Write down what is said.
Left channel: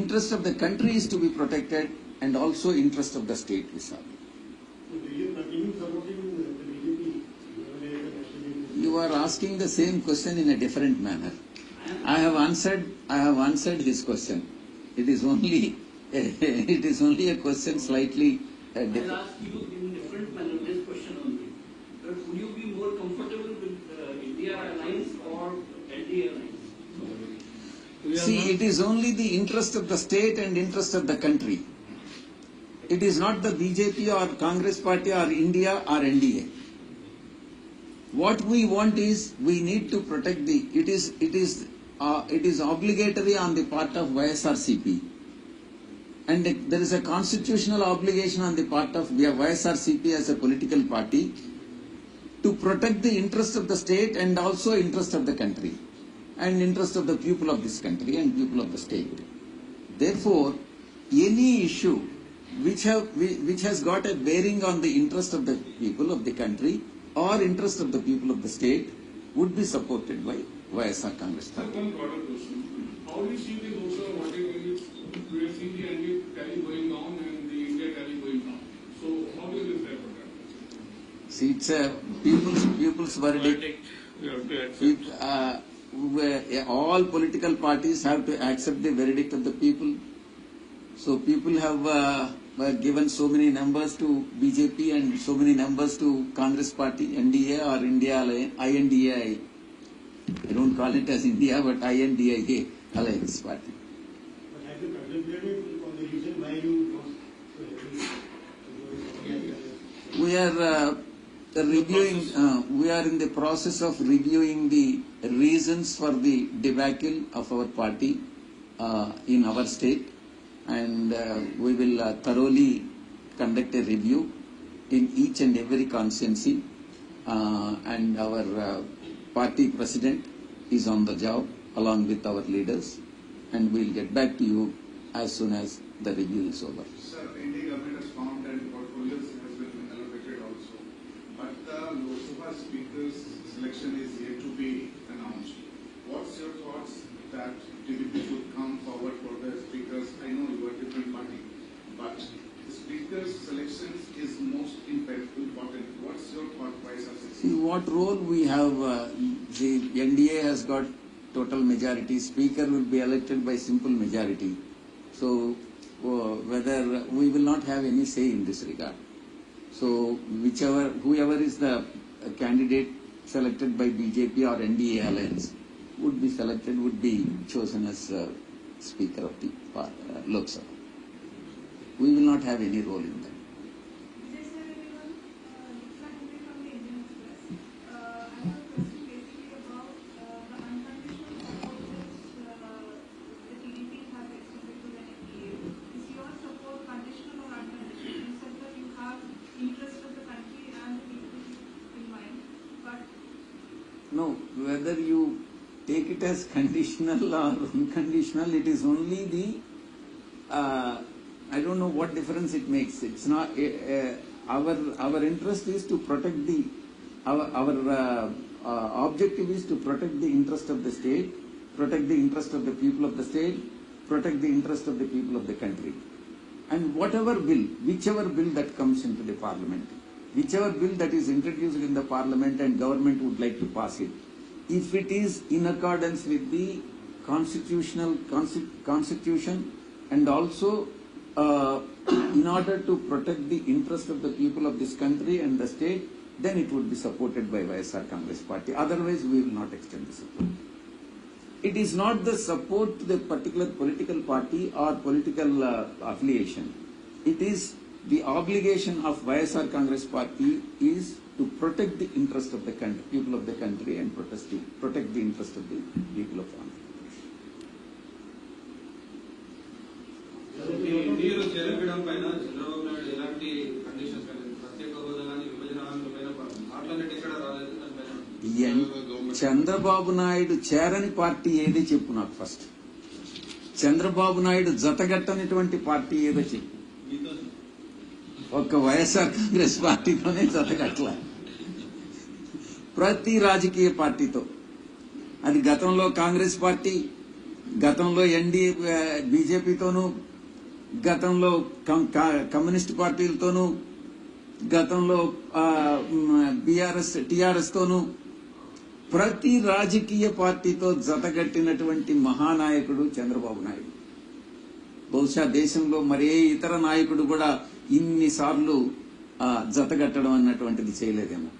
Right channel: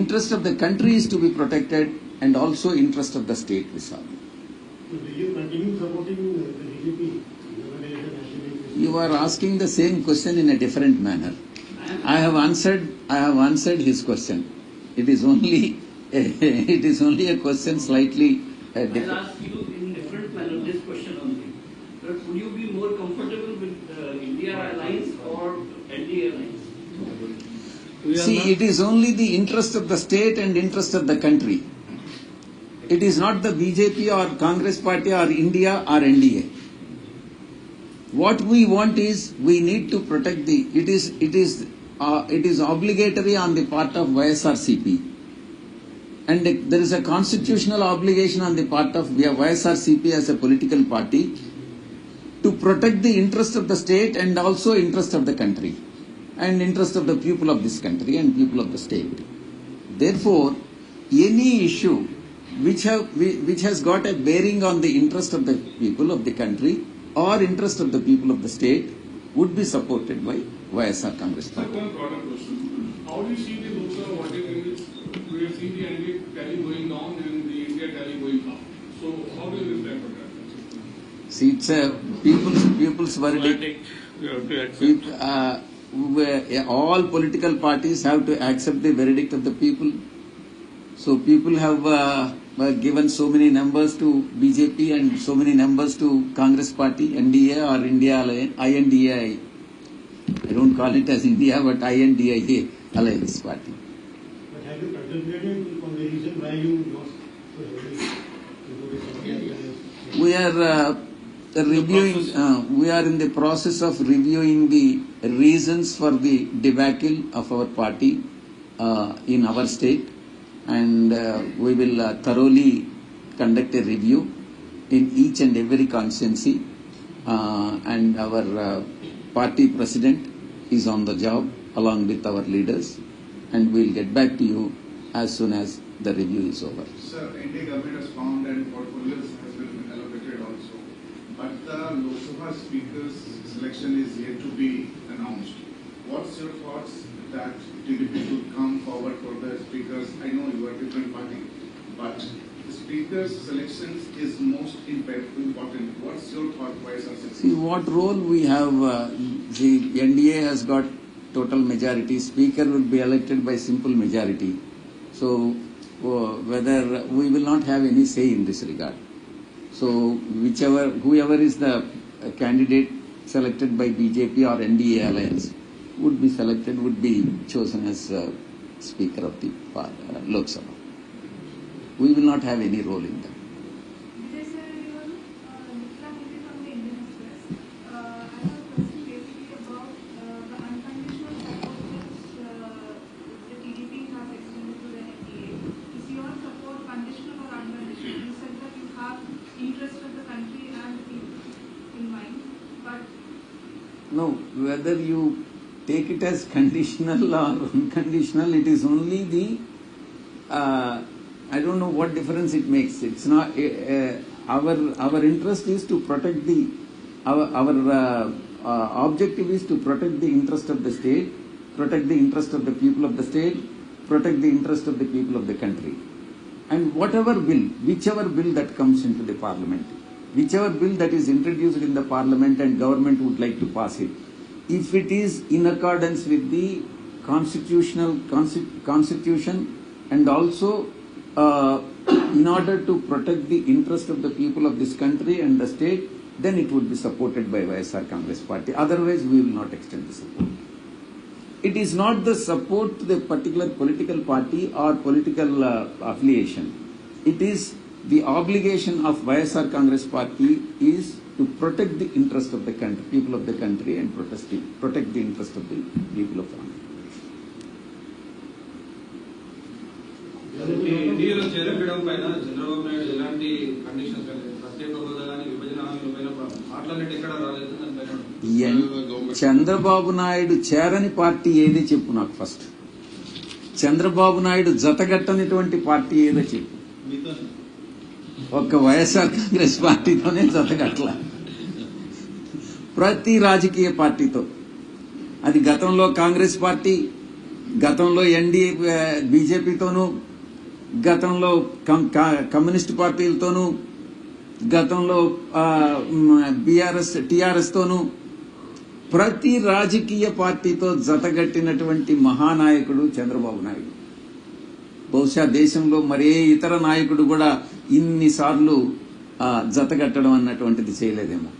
interest of the country is to be protected and also interest of the state, Vishal. Do you continue supporting the BJP? You are asking the same question in a different manner. I have answered his question. It is only a question slightly different. I'll ask you in different manner this question only. But would you be more comfortable with India Alliance or NDA Alliance? See, it is only the interest of the state and interest of the country. It is not the BJP or Congress Party or India or NDA. What we want is we need to protect the. It is obligatory on the part of YSRCP, and there is a constitutional obligation on the part of YSRCP as a political party to protect the interest of the state and also interest of the country and interest of the people of this country and people of the state. Therefore, any issue which has got a bearing on the interest of the people of the country or interest of the people of the state would be supported by YSR Congress Party. Sir, one broader question. How do you see the Lok Sabha voting units? We have seen the NDA tally going down and the India tally going up. So how do you reflect on that? See, it's a people's verdict. We have to accept. All political parties have to accept the verdict of the people. So people have given so many numbers to BJP and so many numbers to Congress Party, NDA or India Alliance, INDA. I don't call it as India, but INDA Alliance Party. But have you contemplated on the reason why you lost so heavily? We are reviewing. We are in the process of reviewing the reasons for the debacle of our party in our state, and we will thoroughly conduct a review in each and every constituency. And our party president is on the job along with our leaders, and we'll get back to you as soon as the review is over. Sir, Indian government has found and portfolios has been allocated also, but the Lok Sabha speaker's selection is yet to be announced. What's your thoughts that TDP should come forward for the speakers? I know you are a different party, but the speaker's selection is most important. What's your thought, YSRCP? See what role we have. The NDA has got total majority. Speaker will be elected by simple majority. So whether we will not have any say in this regard. So whoever is the candidate selected by BJP or NDA alliance would be chosen as Speaker of the Lok Sabha. We will not have any role in that. Vijay sir, everyone, Nuksan Hiti from the Indian Express. I have a question basically about the unconditional support which the TDP has extended to the NDA. Is your support conditional or unconditional? You said that you have interest of the country and the people in mind, but No, whether you take it as conditional or unconditional, it is only the I don't know what difference it makes. It's not our interest is to protect our objective is to protect the interest of the state, protect the interest of the people of the state, protect the interest of the people of the country. And whichever bill that comes into the parliament, whichever bill that is introduced in the parliament and government would like to pass it, if it is in accordance with the constitution and also in order to protect the interest of the people of this country and the state, then it would be supported by YSR Congress Party. Otherwise, we will not extend the support. It is not the support to the particular political party or political affiliation. It is the obligation of YSR Congress Party is to protect the interest of the country, people of the country, and protect the interest of the people of Andhra. ఇండియాలో చేరడం పైన చంద్రబాబు నాయుడు ఎలాంటి conditions ప్రత్యేక హోదా కానీ విభజన హామీల పైన మాట్లాడేది ఎక్కడ రాలేదు దానిపైన. చంద్రబాబు నాయుడు చేరని పార్టీ ఏది చెప్పు నాకు ఫస్ట్. చంద్రబాబు నాయుడు జతగట్టనిటువంటి పార్టీ ఏదో చెప్పు. ఒక్క వైఎస్ఆర్ కాంగ్రెస్ పార్టీతోనే జతగట్ల. ప్రతి రాజకీయ పార్టీతో, అది గతంలో కాంగ్రెస్ పార్టీ, గతంలో బీజేపీతోనూ, గతంలో కమ్యూనిస్ట్ పార్టీలతోనూ, గతంలో టీఆర్ఎస్ తోనూ ప్రతి రాజకీయ పార్టీతో జతగట్టినటువంటి మహానాయకుడు చంద్రబాబు నాయుడు. బహుశా దేశంలో మరే ఇతర నాయకుడు కూడా ఇన్నిసార్లు జతగట్టడం అన్నటువంటిది చేయలేదేమో.